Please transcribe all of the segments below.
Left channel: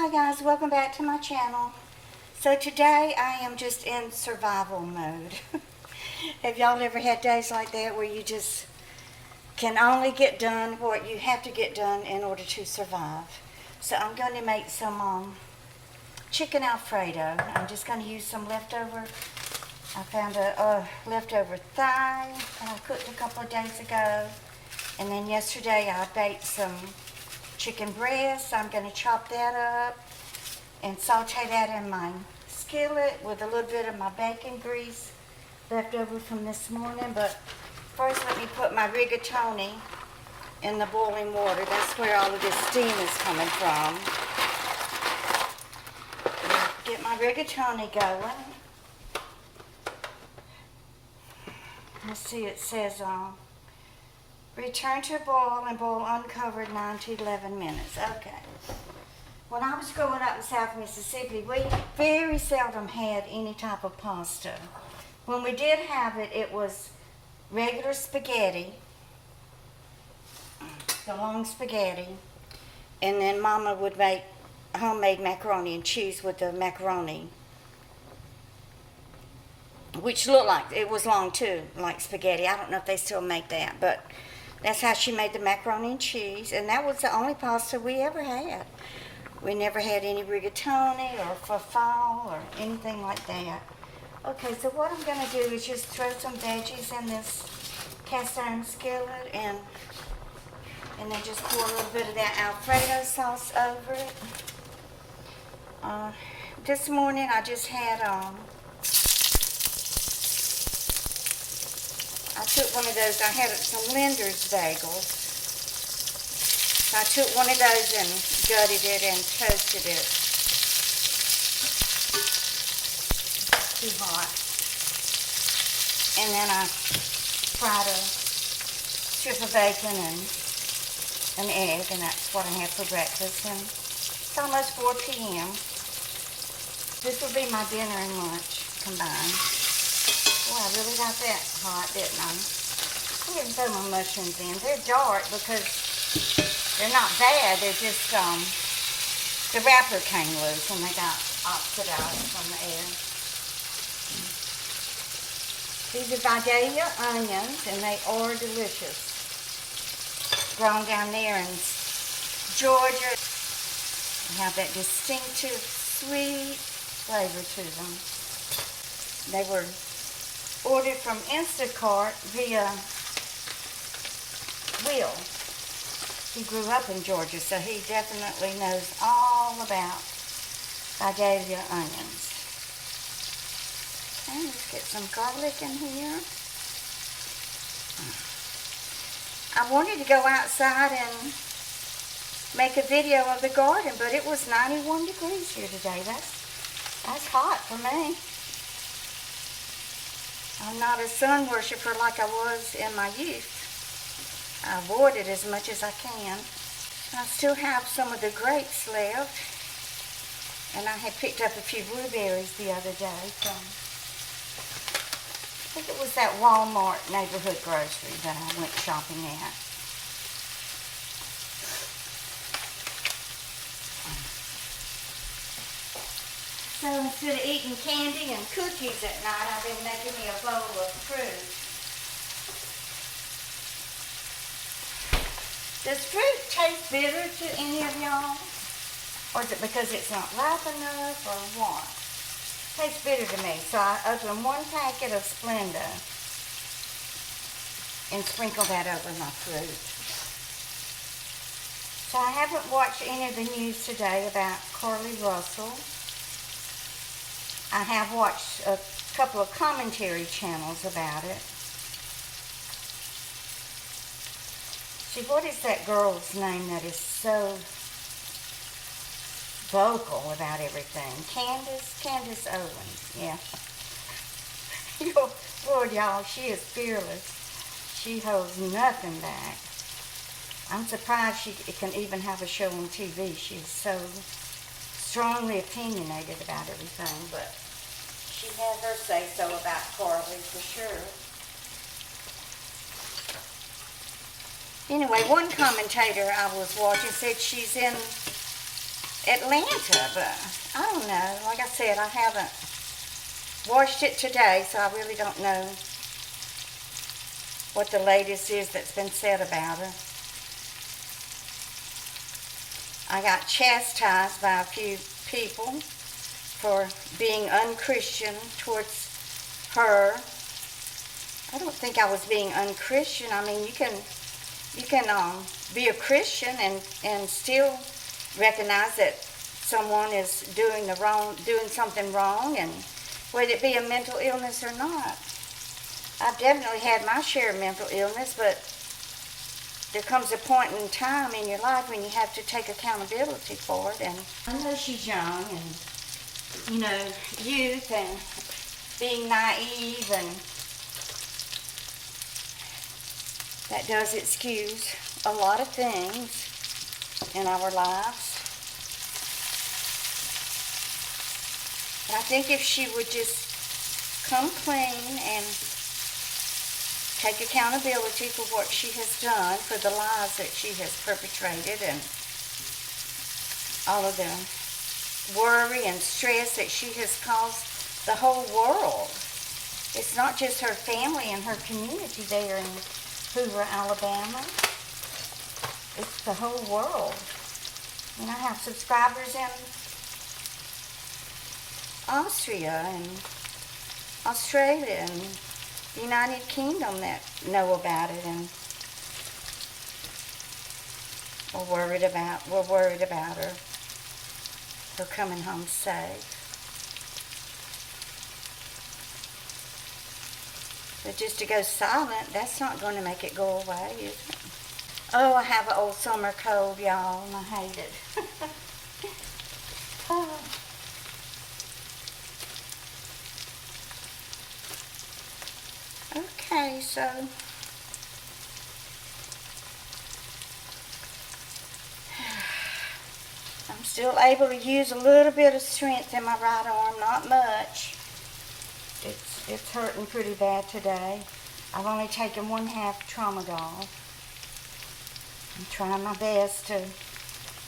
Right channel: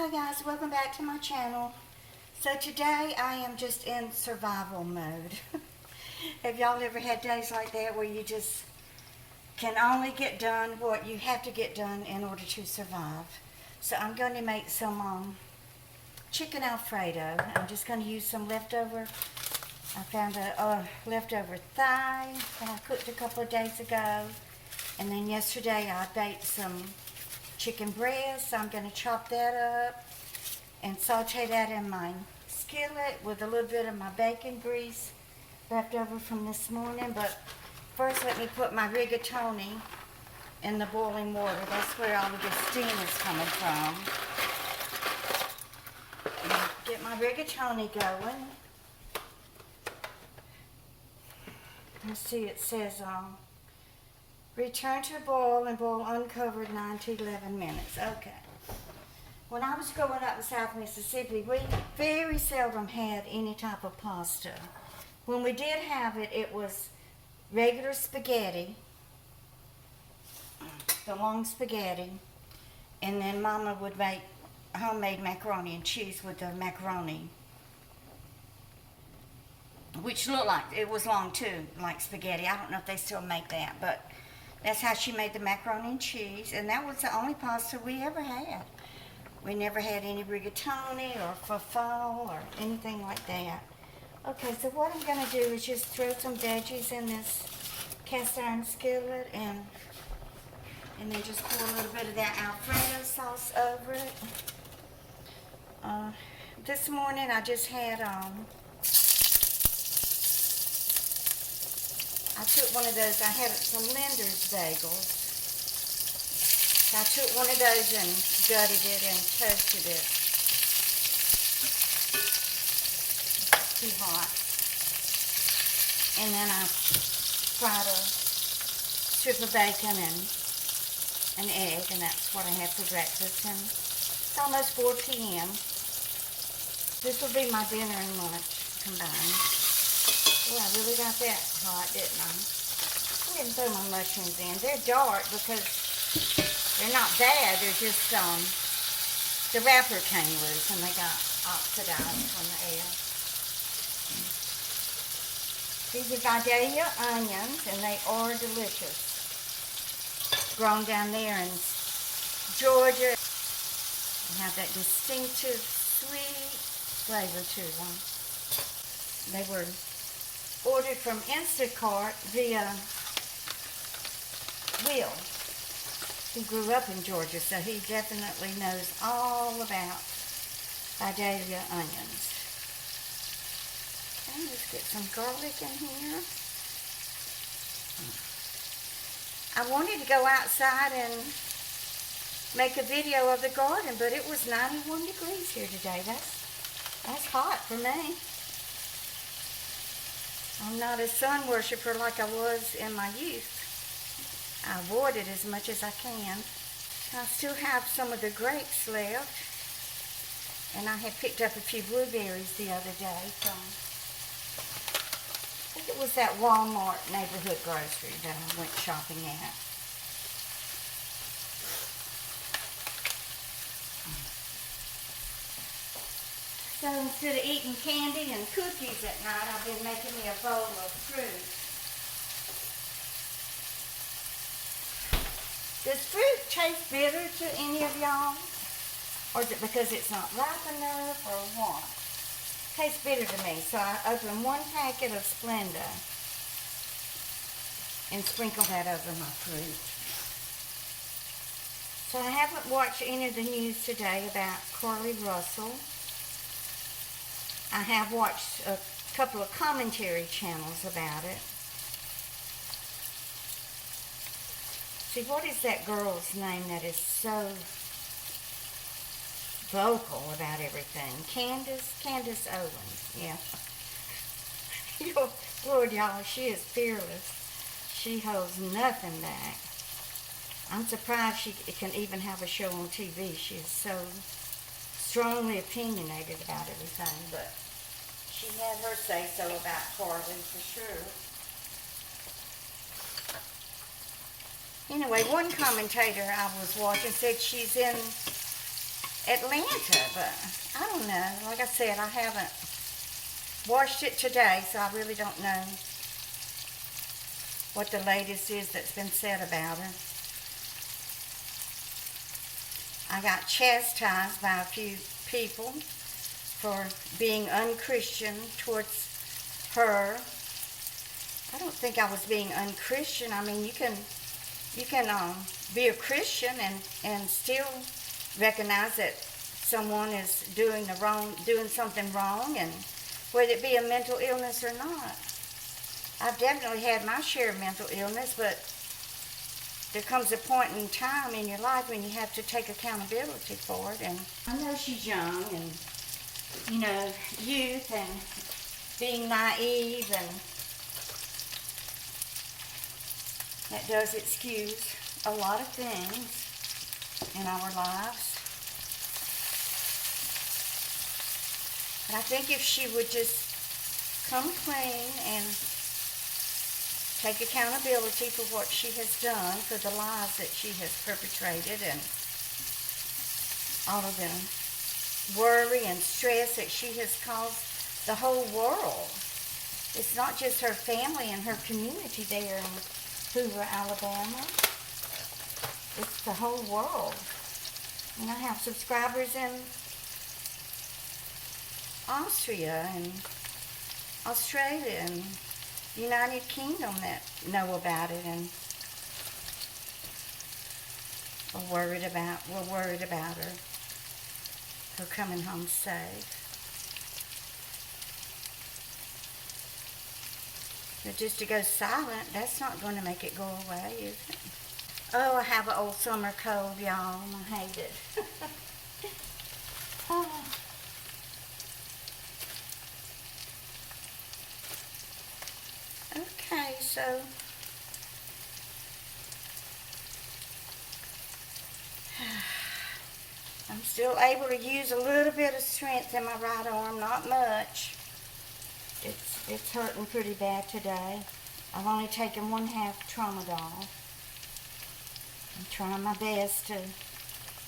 Hi guys, welcome back to my channel. So today I am just in survival mode. Have y'all ever had days like that where you just can only get done what you have to get done in order to survive? So I'm going to make some chicken Alfredo. I'm just going to use some leftover. I found a leftover thigh that I cooked a couple of days ago. And then yesterday I baked some chicken breast. I'm going to chop that up and saute that in my skillet with a little bit of my bacon grease left over from this morning. But first let me put my rigatoni in the boiling water. That's where all of this steam is coming from. Get my rigatoni going. Let's see, it says return to boil and boil uncovered 9 to 11 minutes. Okay. When I was growing up in South Mississippi, we very seldom had any type of pasta. When we did have it, it was regular spaghetti, the long spaghetti, and then Mama would make homemade macaroni and cheese with the macaroni, which looked like, it was long too, like spaghetti. I don't know if they still make that, but that's how she made the macaroni and cheese, and that was the only pasta we ever had. We never had any rigatoni or farfalle or anything like that. Okay, so what I'm going to do is just throw some veggies in this cast iron skillet and then just pour a little bit of that Alfredo sauce over it. This morning I just had I took one of those, I had some Linder's bagels. So I took one of those and gutted it and toasted it. Too hot. And then I fried a strip of bacon and an egg, and that's what I had for breakfast. And it's almost 4 p.m. This will be my dinner and lunch combined. Oh, I really got that hot, didn't I? I'm going to throw my mushrooms in. They're dark because they're not bad. They're just, the wrapper came loose and they got oxidized from the air. These are Vidalia onions and they are delicious. Grown down there in Georgia. They have that distinctive sweet flavor to them. They were ordered from Instacart via Will. He grew up in Georgia, so he definitely knows all about Vidalia onions. Okay, let's get some garlic in here. I wanted to go outside and make a video of the garden, but it was 91 degrees here today. That's hot for me. I'm not a sun worshiper like I was in my youth. I avoid it as much as I can. I still have some of the grapes left. And I had picked up a few blueberries the other day from, I think it was that Walmart neighborhood grocery that I went shopping at. So instead of eating candy and cookies at night, I've been making me a bowl of fruit. Does fruit taste bitter to any of y'all? Or is it because it's not ripe enough or what? It tastes bitter to me. So I opened one packet of Splenda and sprinkled that over my fruit. So I haven't watched any of the news today about Carly Russell. I have watched a couple of commentary channels about it. See, what is that girl's name that is so vocal about everything? Candace Owens, yeah. Lord, y'all, she is fearless. She holds nothing back. I'm surprised she can even have a show on TV. She is so strongly opinionated about everything, but she had her say-so about Carly for sure. Anyway, one commentator I was watching said she's in Atlanta, but I don't know. Like I said, I haven't washed it today, so I really don't know what the latest is that's been said about her. I got chastised by a few people for being unchristian towards her. I don't think I was being unchristian. I mean, you can be a Christian and still recognize that someone is doing something wrong, and whether it be a mental illness or not. I've definitely had my share of mental illness, but there comes a point in time in your life when you have to take accountability for it. And I know she's young and, youth and being naive, and that does excuse a lot of things in our lives. But I think if she would just come clean and take accountability for what she has done, for the lies that she has perpetrated, and all of the worry and stress that she has caused the whole world. It's not just her family and her community there in Hoover, Alabama. It's the whole world. And I have subscribers in Austria and Australia and the United Kingdom that know about it, and we're worried about her coming home safe. But just to go silent, that's not going to make it go away, is it? Oh, I have an old summer cold, y'all, and I hate it. Oh. Okay, so I'm still able to use a little bit of strength in my right arm, not much. It's hurting pretty bad today. I've only taken 1/2 tramadol. I'm trying my best to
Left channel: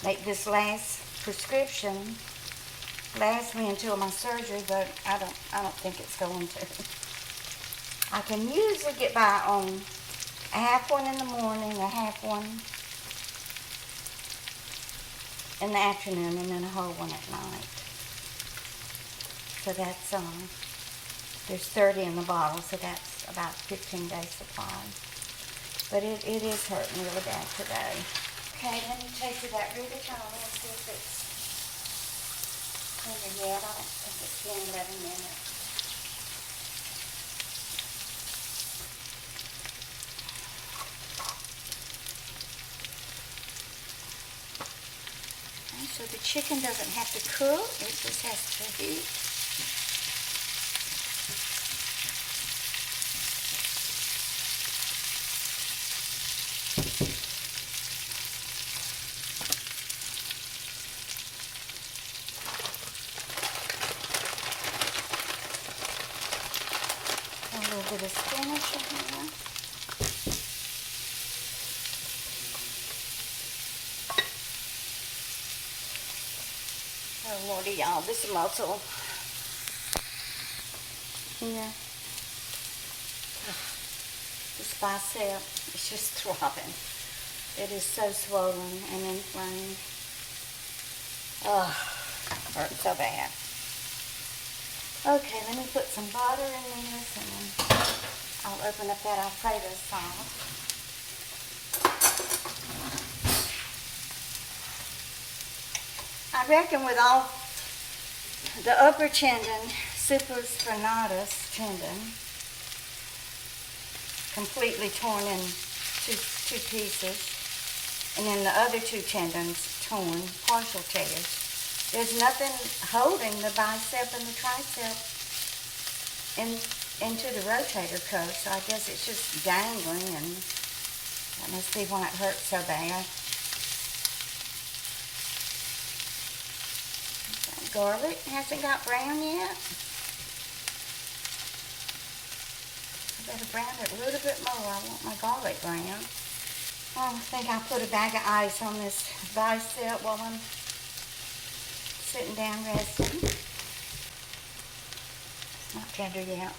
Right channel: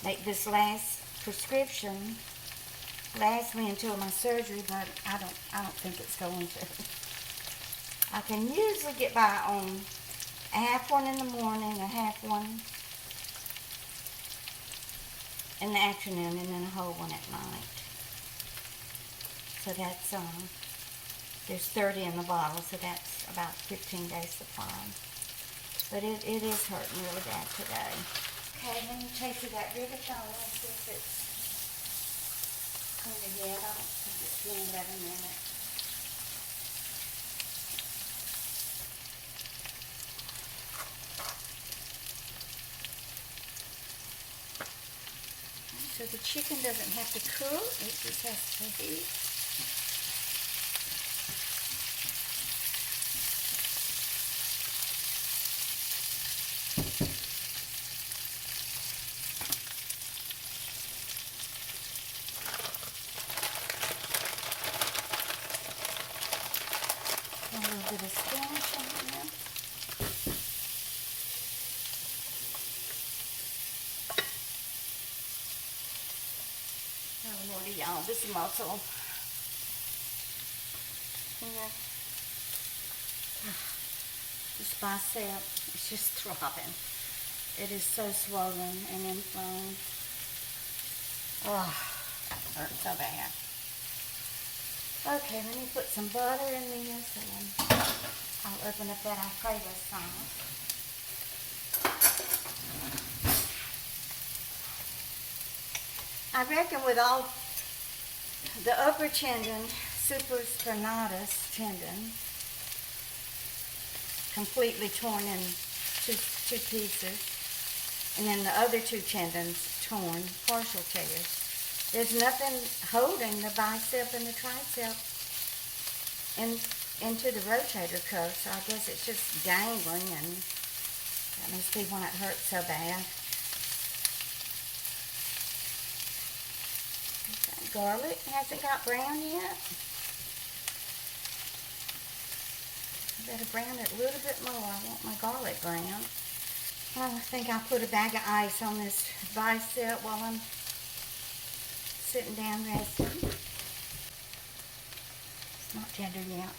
make this last prescription last me until my surgery, but I don't think it's going to. I can usually get by on a 1/2 in the morning, a 1/2 in the afternoon, and then a whole one at night. So that's there's 30 in the bottle, so that's about 15 days supply. But it is hurting really bad today. Okay, let me taste that rigatoni and see if it's tender yet. I don't think it's been 11 minutes. So the chicken doesn't have to cook, it just has to heat. A little bit of spinach in here. Oh Lordy, y'all, this muscle here, this bicep is just throbbing. It is so swollen and inflamed. Oh, hurts so bad. Okay, let me put some butter in this, and then I'll open up that Alfredo sauce. I reckon with all the upper tendon, supraspinatus tendon, completely torn in two pieces, and then the other 2 tendons torn, partial tears. There's nothing holding the bicep and the tricep into the rotator cuff, so I guess it's just dangling, and that must be why it hurts so bad. Garlic hasn't got brown yet. I better brown it a little bit more. I want my garlic brown. I think I'll put a bag of ice on this bicep while I'm sitting down resting. It's not tender yet.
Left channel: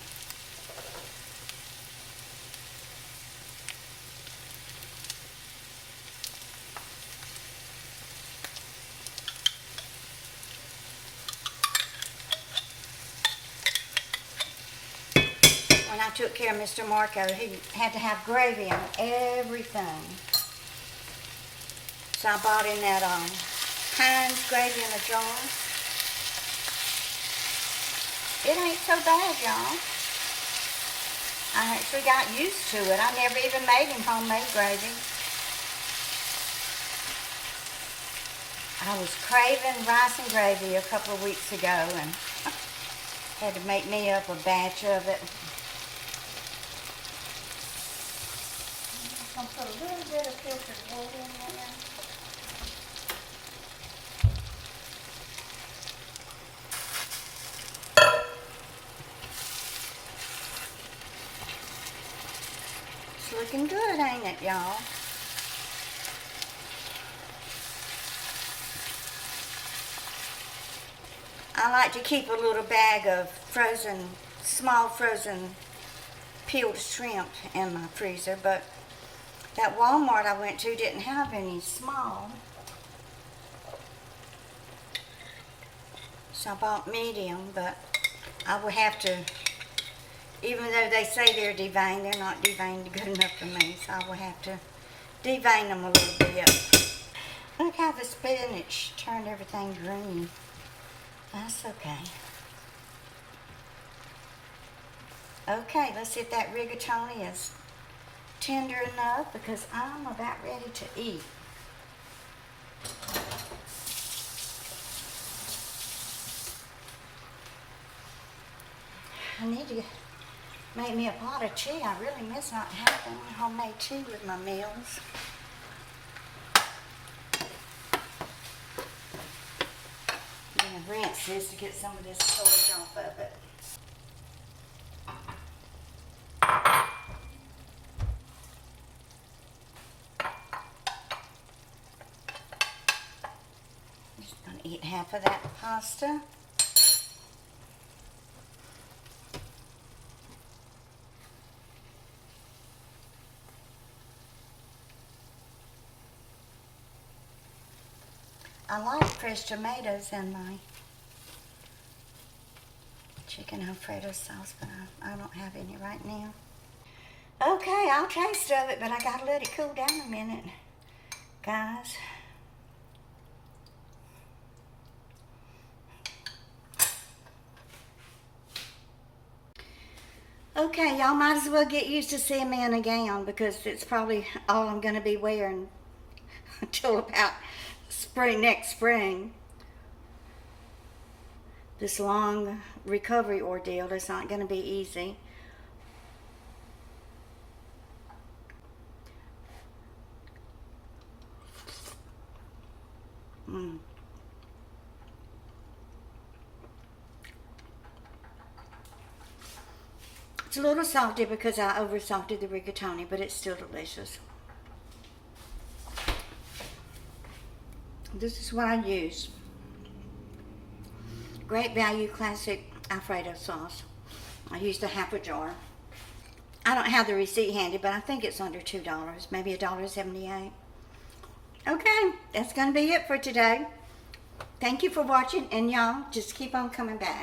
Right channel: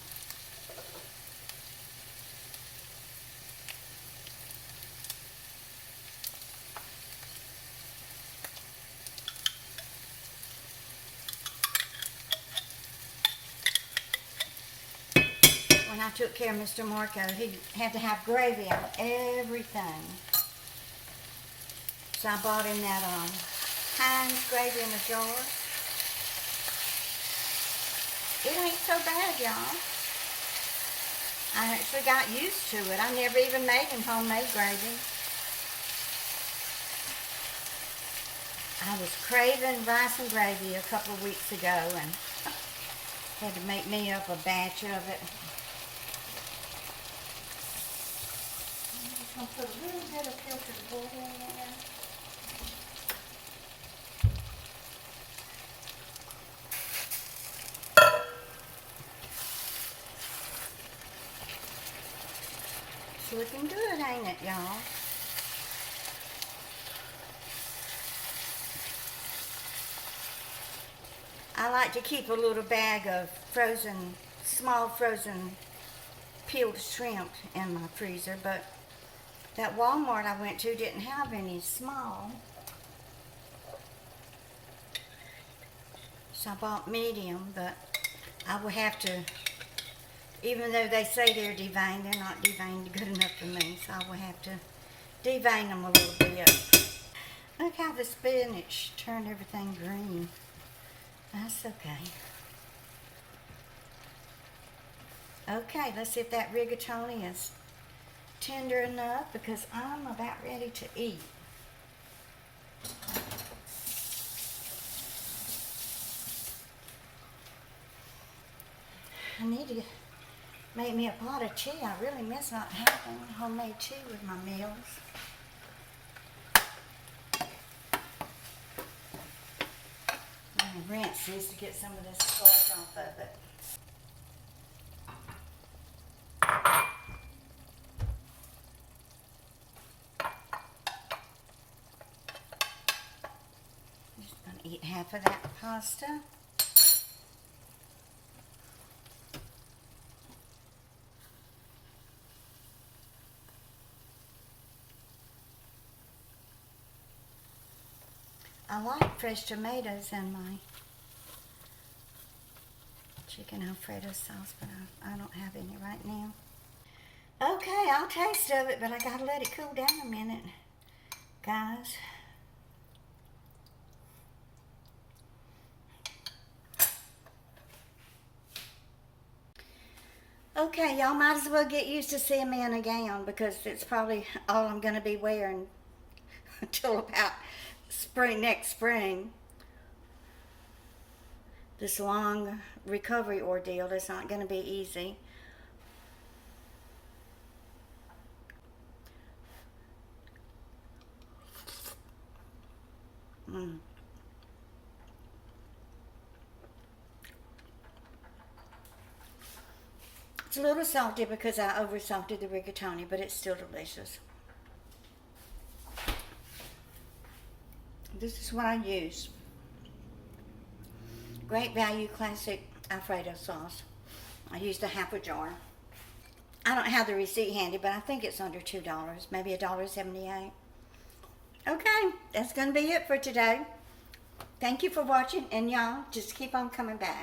When I took care of Mr. Marco, he had to have gravy on everything. So I bought in that Heinz gravy in a jar. It ain't so bad, y'all. I actually got used to it. I never even made him homemade gravy. I was craving rice and gravy a couple of weeks ago and had to make me up a batch of it. I'm just going to put a little bit of filtered water in there. It's looking good, ain't it, y'all? I like to keep a little bag of small frozen peeled shrimp in my freezer, but that Walmart I went to didn't have any small. So I bought medium, but I will have to, even though they say they're deveined, they're not deveined good enough for me, so I will have to devein them a little bit. Look how the spinach turned everything green. That's okay. Okay, let's see if that rigatoni is tender enough because I'm about ready to eat. I need to make me a pot of tea. I really miss not having homemade tea with my meals. I'm going to rinse this to get some of this starch off of it. Just going to eat half of that pasta. I like fresh tomatoes in my chicken Alfredo sauce, but I don't have any right now. Okay, I'll taste of it, but I gotta let it cool down a minute, guys. Okay, y'all might as well get used to seeing me in a gown because it's probably all I'm gonna be wearing until about next spring. This long recovery ordeal is not going to be easy. It's a little salty because I over salted the rigatoni, but it's still delicious. This is what I use. Great Value Classic Alfredo sauce. I used a half a jar. I don't have the receipt handy, but I think it's under $2, maybe $1.78. Okay, that's going to be it for today. Thank you for watching, and y'all just keep on coming back.